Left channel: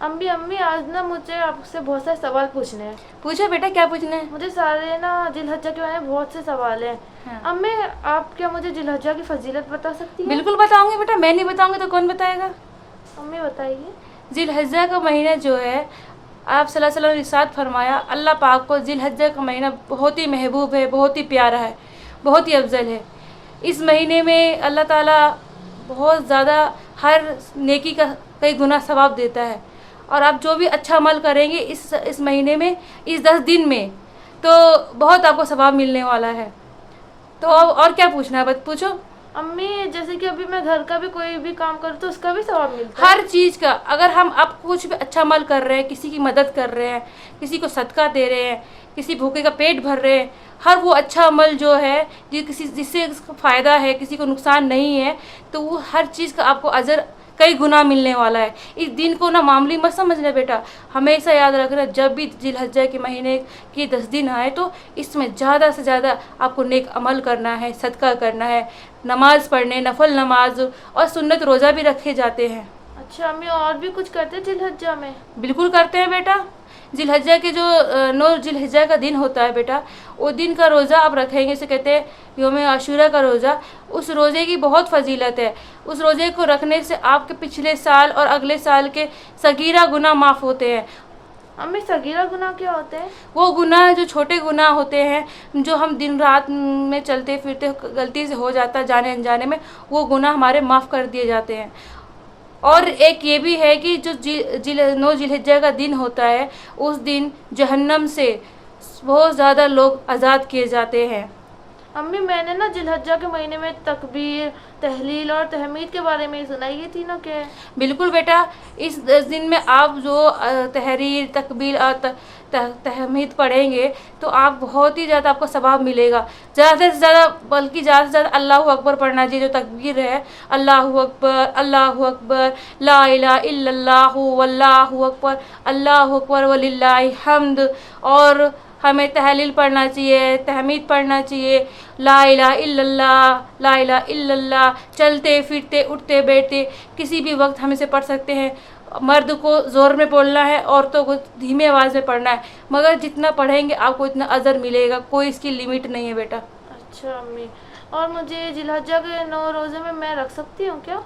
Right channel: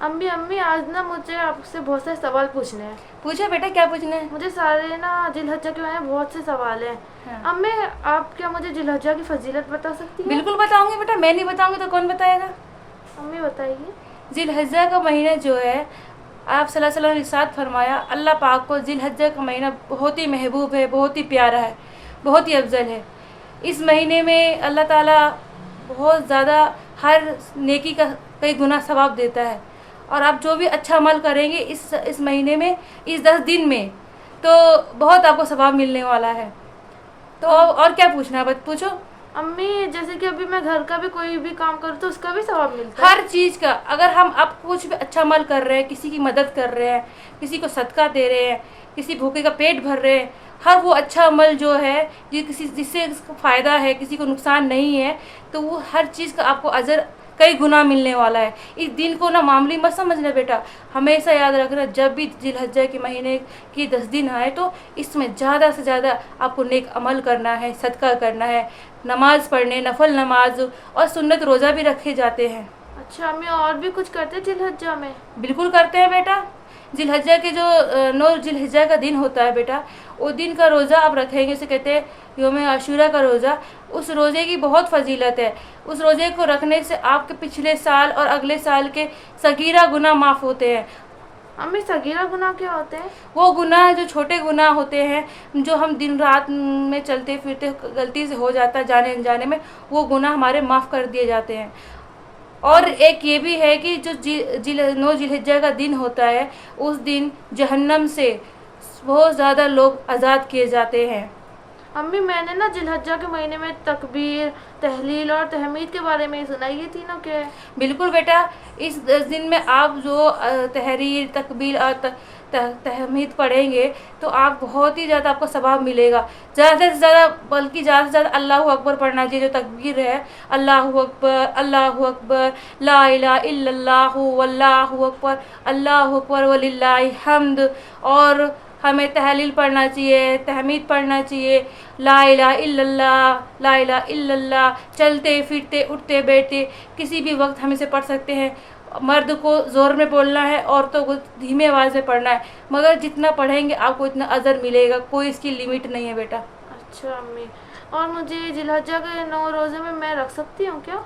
अम्मी अम्मी आज ना मुझे आपसे बहुत सारे सवाल पूछने हैं। पूछो बेटा, क्या पूछना है? मुझे सारे ना जिलहज्जा के बारे में बहुत से सवाल हैं। हाँ। अम्मी आप क्या मुझे जिलहज्जा की फजीलत बता सकती हैं? बिल्कुल बताऊंगी बेटा, मैं नहीं बताऊंगी तो कौन बताएगा। अम्मी बताइए। जिलहज्जा का महीना जो है, आप सल्लल्लाहु अलैहि वसल्लम ने इरशाद फरमाया, अल्लाह पाक को जिलहज्जा का महीना बहुत ही महबूब है, बहुत ही प्यारा है, बहुत ही अफजल है। इस महीने में अल्लाह ताला बहुत ज़्यादा हर नेकी का कई गुना सवाब देता है। और आप जो भी अच्छा अमल करेंगे इस महीने में, इस 10 दिन में, तो बहुत आपको सवाब मिलने वाला है। तो और क्या पूछना है, बस पूछो। अम्मी जैसे कि अभी मैं घर का भी कोई भी काम करूँ तो उसका भी सवाब मिलता है? हर चीज़ का, अगर हम अब कुछ भी अच्छा अमल कर रहे हैं, किसी की मदद कर रहे हैं, किसी को सदका दे रहे हैं, किसी भूखे का पेट भर रहे हैं, हर वो अच्छा अमल जो है जिससे फ़ायदा है, किसी को नुकसान नहीं है, तो वो हर चीज़ का आपको अजर कई गुना मिलने वाला है। इस दिन को ना मामूली मत समझना बेटा, हमेशा याद रखना, जब भी जिलहज्जा के महीने के 10 दिन आए तो इसमें ज़्यादा से ज़्यादा आपको नेक अमल करना है, सदका करना है, नमाज़ पढ़ने, नफल नमाज और सुन्नत रोज़ा भी रखे जाते हैं। अच्छा अम्मी और भी कुछ करते हैं जिलहज्जा में? बिल्कुल करते हैं बेटा। जिलहज्जा के जो 9 जिलहज्जा का दिन होता है बेटा, वो दिन का रोज़ा आप रखेंगे, इसे कहते हैं यौम आशूरा का रोज़ा। उस रोज़े की बहुत फजीलत है। उस रोज़े को रखने से आपके पिछले साल और अगले साल के सगीरा गुनाह माफ़ होते हैं। अम्मी सगीरा गुनाह क्या होते हैं? वो गुनाह जो छोटे गुनाह होते हैं, जो हम दिन रात में चलते फिरते गलती से हो जाता है जाने अनजाने में, वो गुनाह हमारे माफ़ कर दिए जाते हैं। और एक ये भी है कि जो 9 जिलहज्जा का दिन होता है, उस दिन जहन्नम से बहुत ज़्यादा लोग आज़ाद किए जाते हैं। अम्मी मैंने ना जिलहज्जा के महीने में तकबीर, तहलील और तहमीद के बारे में ही सुना, ये तीनों क्या है? बिल्कुल बेटा, इस 10 दिन में आप जो तहरीर, तकबीर और तहमीद पढ़ेंगे तो आप बहुत ही ज़्यादा आपको सवाब मिलेगा। ज़्यादा से ज़्यादा, बल्कि ज़्यादा से ज़्यादा अल्लाहु अकबर पढ़ना चाहिए। जो तकबीर है, अल्लाहु अकबर, ला इलाहा इल्लल्लाहु वल्लाहु अकबर वलिल्लाहिल हम्द। और हमें तहलील पढ़ना चाहिए, तहमीद पढ़ना चाहिए, ला इलाहा इल्लल्लाह, ला इलाहा इल्लल्लाह। चलते फिरते उठते बैठते किसी भी वक्त हम इसे पढ़ सकते हैं। मर्द को ज़ोर में बोलना है, औरतों को धीमी आवाज़ में पढ़ना है, मगर जितना पढ़ेंगे आपको इतना अजर मिलेगा, कोई इसकी लिमिट नहीं है बेटा। अच्छा अम्मी, और मुझे जिलहज्जा के 9 रोज़े में मैं रख सकती हूँ क्या?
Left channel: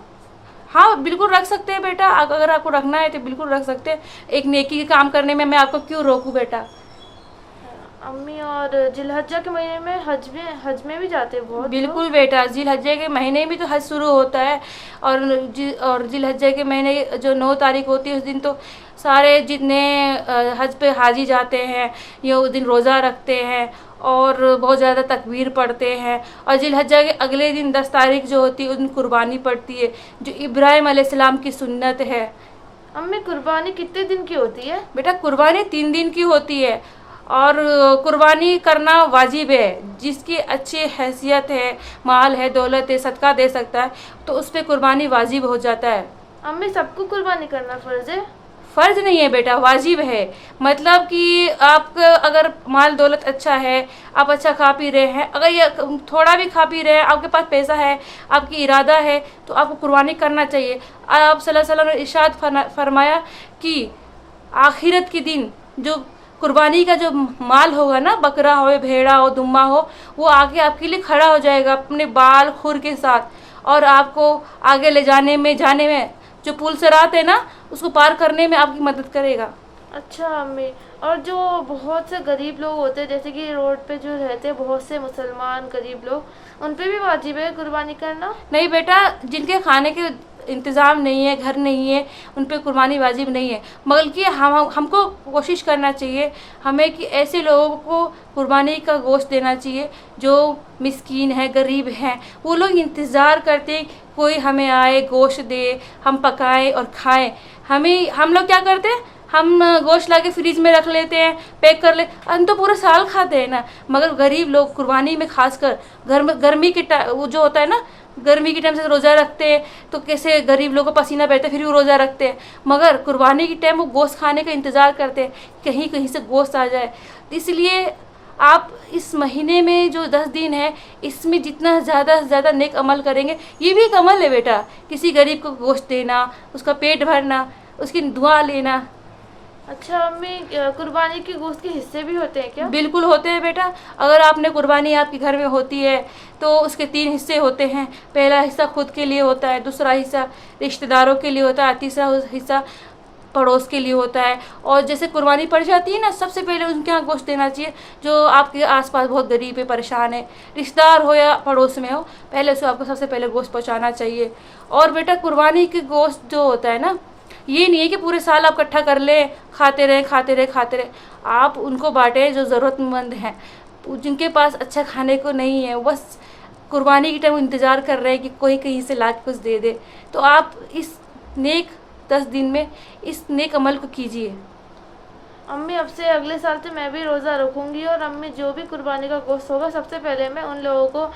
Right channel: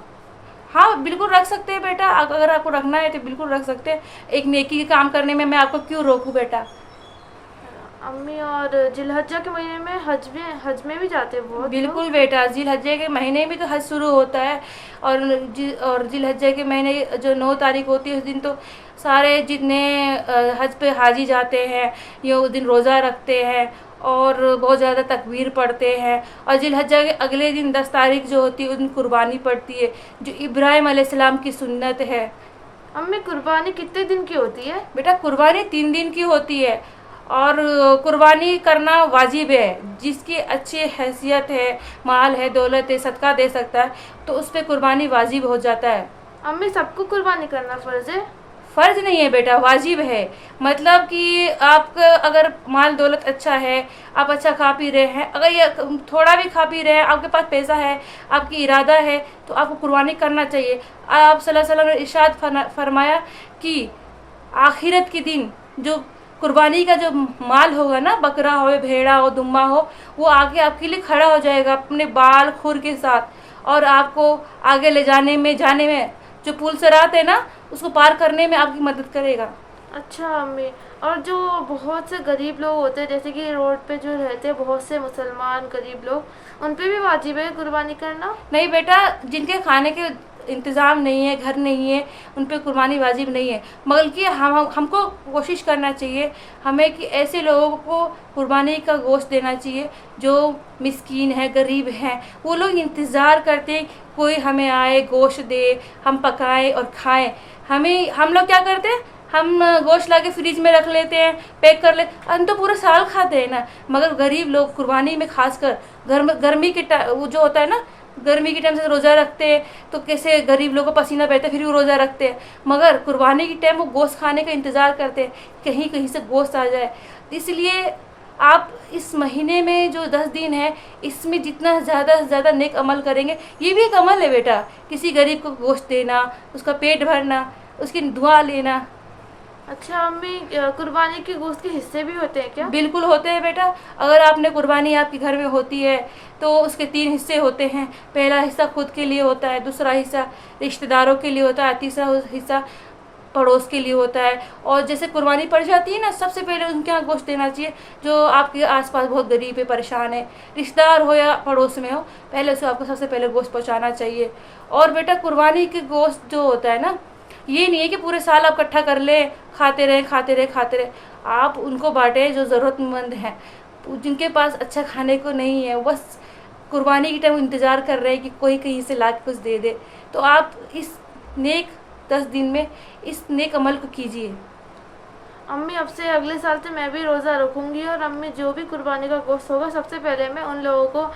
हाँ बिल्कुल रख सकते हैं बेटा, अगर आपको रखना है तो बिल्कुल रख सकते हैं। एक नेकी के काम करने में मैं आपको क्यों रोकूं बेटा। अम्मी और जिलहज्जा के महीने में हज में भी जाते हैं बहुत बिल्कुल बेटा, जिलहज्जे के महीने में तो हज शुरू होता है। और जिलहज्जे के महीने जो 9 तारीख होती है, उस दिन तो सारे जितने हज पे हाजी जाते हैं, ये उस दिन रोज़ा रखते हैं और बहुत ज़्यादा तकबीर पढ़ते हैं। और जिलहज्जा के अगले दिन 10 तारीख जो होती है, उस दिन कुर्बानी पड़ती है, जो इब्राहिम अलैहिस्सलाम की सुन्नत है। अम्मी कुर्बानी कितने दिन की होती है? बेटा कुर्बानी 3 दिन की होती है, और कुर्बानी करना वाजिब है। जिसकी अच्छी हैसियत है, माल है, दौलत है, सदका दे सकता है, तो उस पर कुर्बानी वाजिब हो जाता है। अम्मी सबको कुर्बानी करना फ़र्ज़ है? फ़र्ज नहीं है बेटा, वाजिब है। मतलब कि आपका अगर माल दौलत अच्छा है, आप अच्छा खा पी रहे हैं, अगर ये थोड़ा भी खा पी रहे हैं, आपके पास पैसा है, आपकी इरादा है, तो आपको कुर्बानी करना चाहिए। आप सल्लल्लाहु अलैहि वसल्लम ने इरशाद फरमाया कि आखिरत के दिन जो कुर्बानी का जो माल होगा ना, बकरा हो, भेड़ा हो, दुम्बा हो, वो आगे आपके लिए खड़ा हो जाएगा अपने बाल खुर के साथ, और आपको आगे ले जाने में जो पुल सिरात है ना, उसको पार करने में आपकी मदद करेगा। अच्छा अम्मी, और जो बहुत से गरीब लोग होते हैं, जैसे कि रोड पे जो रहते हैं बहुत से मुसलमान गरीब लोग, उन पे भी वाजिब है कुर्बानी करना? नहीं बेटा, जिनके खाने के इंतज़ाम नहीं है, घर नहीं है, उन पर कुर्बानी वाजिब नहीं है। बल्कि हमको कोशिश करना चाहिए हमें कि ऐसे लोगों को कुर्बानी का गोश्त देना चाहिए जो मिस्कीन है, गरीब हैं। वो लोग इंतज़ार करते कोई हमें आए, गोश्त दे, हम पकाएं और खाएं। हम लोग क्या करते हैं, हम गोश्त ला के फ्रिज में रख लेते हैं, पैक कर ले, हम तो पूरा साल खाते हैं ना। मगर गरीब लोग कुर्बानी में खासकर गर्मी के वो जो होता है ना, गर्मी के टाइम से रोज़ा रखते हैं, तो कैसे गरीब लोगों को पसीना बहता है, फिर भी रोज़ा रखते हैं। मगर कुर्बानी के टाइम वो गोश्त खाने का इंतज़ार करते हैं, कहीं कहीं से गोश्त आ जाए। इसलिए आप इस महीने में जो 10 दिन है, इसमें जितना ज़्यादा से ज़्यादा नेक अमल करेंगे, ये भी एक अमल है बेटा। किसी गरीब को गोश्त देना, उसका पेट भरना, اس کی دعا لینا. اچھا امی، قربانی کے گوشت کے حصے بھی ہوتے ہیں کیا؟ بالکل ہوتے ہیں بیٹا. اگر آپ نے قربانی آپ کے گھر میں ہوتی ہے تو اس کے 3 حصے ہوتے ہیں. پہلا حصہ خود کے لیے ہوتا ہے, دوسرا حصہ رشتہ داروں کے لیے ہوتا ہے, تیسرا حصہ پڑوس کے لیے ہوتا ہے. اور جیسے قربانی پڑ جاتی ہے نا, سب سے پہلے ان کے یہاں گوشت دینا چاہیے جو آپ کے آس پاس بہت غریب ہے, پریشان ہے, رشتہ دار ہو یا پڑوس میں ہو, پہلے اسے آپ کو سب سے پہلے گوشت پہنچانا چاہیے. اور بیٹا قربانی کے گوشت جو ہوتا ہے نا, یہ نہیں ہے کہ پورے سال آپ اکٹھا کر لیں, کھاتے رہیں. آپ ان کو بانٹیں جو ضرورت مند ہیں, جن کے پاس اچھا کھانے کو نہیں ہے, بس قربانی کے ٹائم انتظار کر رہے ہیں کہ کوئی کہیں سے لا کے کچھ دے دے. تو آپ اس نیک 10 دن میں اس نیک عمل کو کیجیے. امی اب سے اگلے سال سے میں بھی روزہ رکھوں گی, اور امی جو بھی قربانی کا گوشت ہوگا سب سے پہلے میں ان لوگوں کو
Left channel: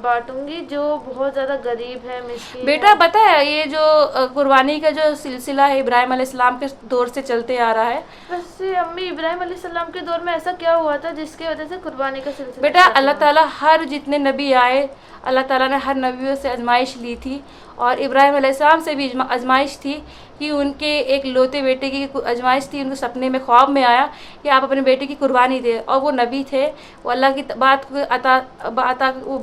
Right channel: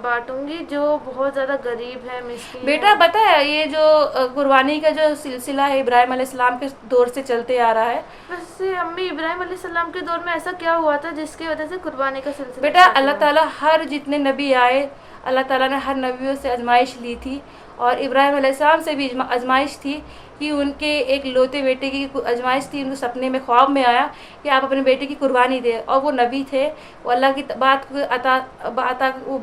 بانٹوں گی جو بہت زیادہ غریب ہے, مسکین بیٹا ہے. پتہ ہے یہ جو قربانی کا جو سلسلہ ہے ابراہیم علیہ السلام کے دور سے چلتے آ رہا ہے. ویسے امی ابراہیم علیہ السلام کے دور میں ایسا کیا ہوا تھا جس کی وجہ سے قربانی کا سلسلہ بیٹا اسٹارٹ اللہ ہوا؟ تعالیٰ ہر جتنے نبی آئے, اللہ تعالیٰ نے ہر نبیوں سے آزمائش لی تھی, اور ابراہیم علیہ السلام سے بھی آزمائش تھی کہ ان کے ایک لوتے بیٹے کی آزمائش تھی. ان کو سپنے میں خواب میں آیا کہ آپ اپنے بیٹے کی قربانی دیں, اور وہ نبی تھے, وہ اللہ کی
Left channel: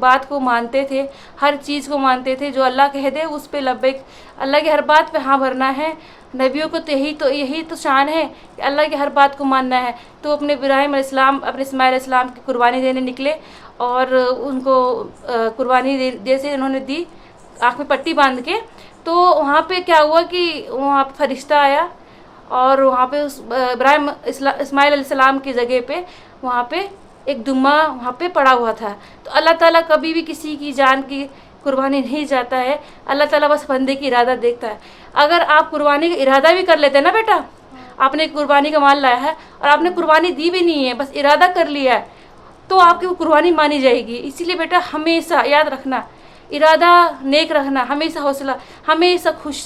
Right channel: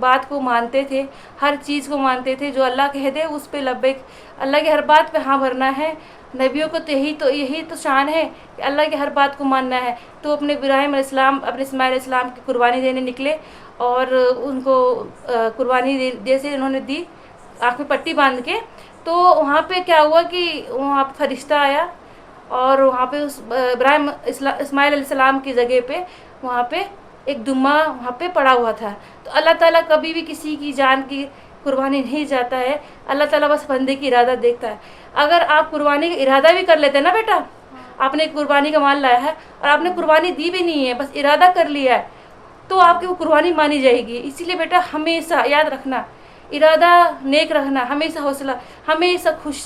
بات کو مانتے تھے, ہر چیز کو مانتے تھے, جو اللہ کہہ دے اس پہ لبیک, اللہ کی ہر بات پہ ہاں بھرنا ہے. نبیوں کو تو یہی تو شان ہے کہ اللہ کی ہر بات کو ماننا ہے. تو اپنے ابراہیم علیہ السلام اپنے اسماعیل علیہ السلام کی قربانی دینے نکلے, اور ان کو قربانی جیسے انہوں نے دی آنکھ میں پٹی باندھ کے, تو وہاں پہ کیا ہوا کہ وہاں پہ فرشتہ آیا, اور وہاں پہ اسماعیل علیہ السلام کی جگہ پہ وہاں پہ ایک دمہ وہاں پہ پڑا ہوا تھا. تو اللہ تعالیٰ کبھی بھی کسی کی جان کی قربانی نہیں جاتا ہے, اللہ تعالیٰ بس بندے کی ارادہ دیکھتا ہے. اگر آپ قربانی کا ارادہ بھی کر لیتے ہیں نا بیٹا, آپ نے قربانی کا مال لایا ہے اور آپ نے قربانی دی بھی نہیں ہے, بس ارادہ کر لیا ہے, تو آپ کی وہ قربانی مانی جائے گی. اسی لیے بیٹا ہمیشہ یاد رکھنا, ارادہ نیک رکھنا, ہمیشہ حوصلہ, ہمیشہ خوش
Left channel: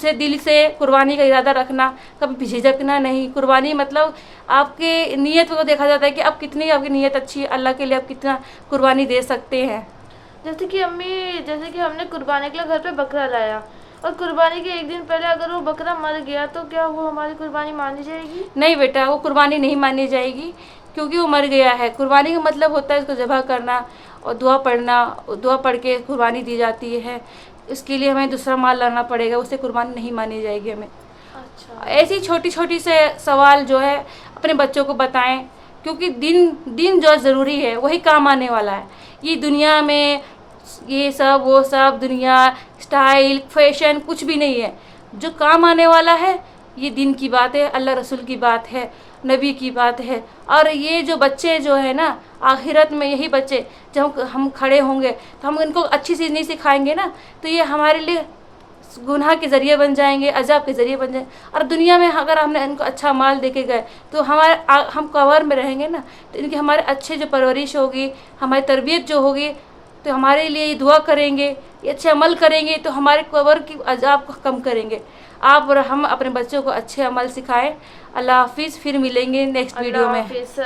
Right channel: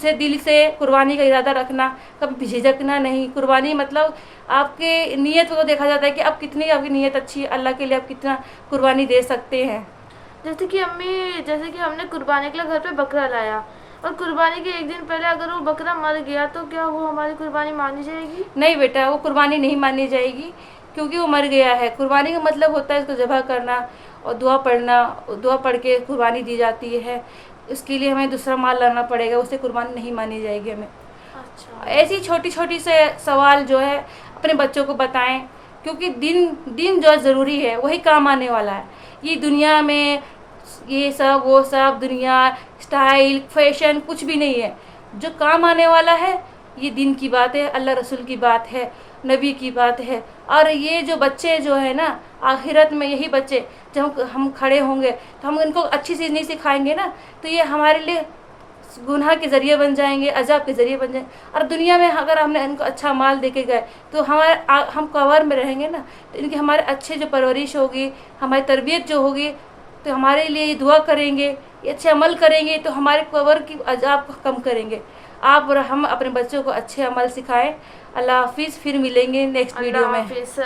سے دل سے قربانی کا ارادہ رکھنا, کبھی جھجکنا نہیں. قربانی مطلب آپ کے نیت کو دیکھا جاتا ہے کہ اب کتنی آپ کی نیت اچھی ہے, اللہ کے لیے آپ کتنا قربانی دے سکتے ہیں. جیسے کہ امی, جیسے کہ ہم نے قربانی کے لیے گھر پہ بکرا لایا, اور قربانی کے 1 دن پہلے اگر وہ بکرا مر گیا تو کیا وہ ہماری قربانی مانی جائے گی؟ نہیں بیٹا, وہ قربانی نہیں مانی جائے گی, کیونکہ وہ مر گیا ہے. قربانی کا مطلب ہوتا ہے اس کو ذبح کرنا اور دعا پڑھنا, دعا پڑھ کے قربانی دی جاتی ہے. اس کے لیے ہمیں دوسرا مال لانا پڑے گا, اس سے قربانی نہیں مانی جائے گی ہمیں. اچھا, ایسی چھوٹی سے سوال جو ہے اپنے بچوں کو بتائیں, کیونکہ دین جو ضروری ہے وہی کام آنے والا ہے. یہ دنیا میں یہ سب وہ سب دنیا اسٹائل فیشن کچھ بھی نہیں ہے. جو کام آنے والا ہے یہ دین کی بات ہے, اللہ رسول کی بات ہے, نبی کی بات ہے. اور یہ جو بچے جو ہے نا, آخرت میں یہی بچے جب ہم کھڑے ہوں گے تو ہم ان کو اچھی چیز نہیں سکھائیں گے نا, تو یہ ہمارے لیے گناہ کے ذریعے بن جائیں گے, عذاب کے ذریعے بن جائیں گے. اور دنیا میں اگر ہم نے ان کو اچھا مال دے کے گئے تو ہم قبر میں رہیں گے نا, تو ان کی ہمارے اچھے جو پرورش ہوگی, ہماری تربیت جو ہوگی, تو ہمارے لیے دعا کریں گے, یہ اچھے عمل کریں گے تو ہمارے قبر کی عذاب کو کم کریں گے. آپ اور ہم اپنے بچوں کو اچھے عمل سکھائیں. اللہ حافظ, پھر ملیں گے نیکسٹ ویڈیو میں. اللہ حافظ.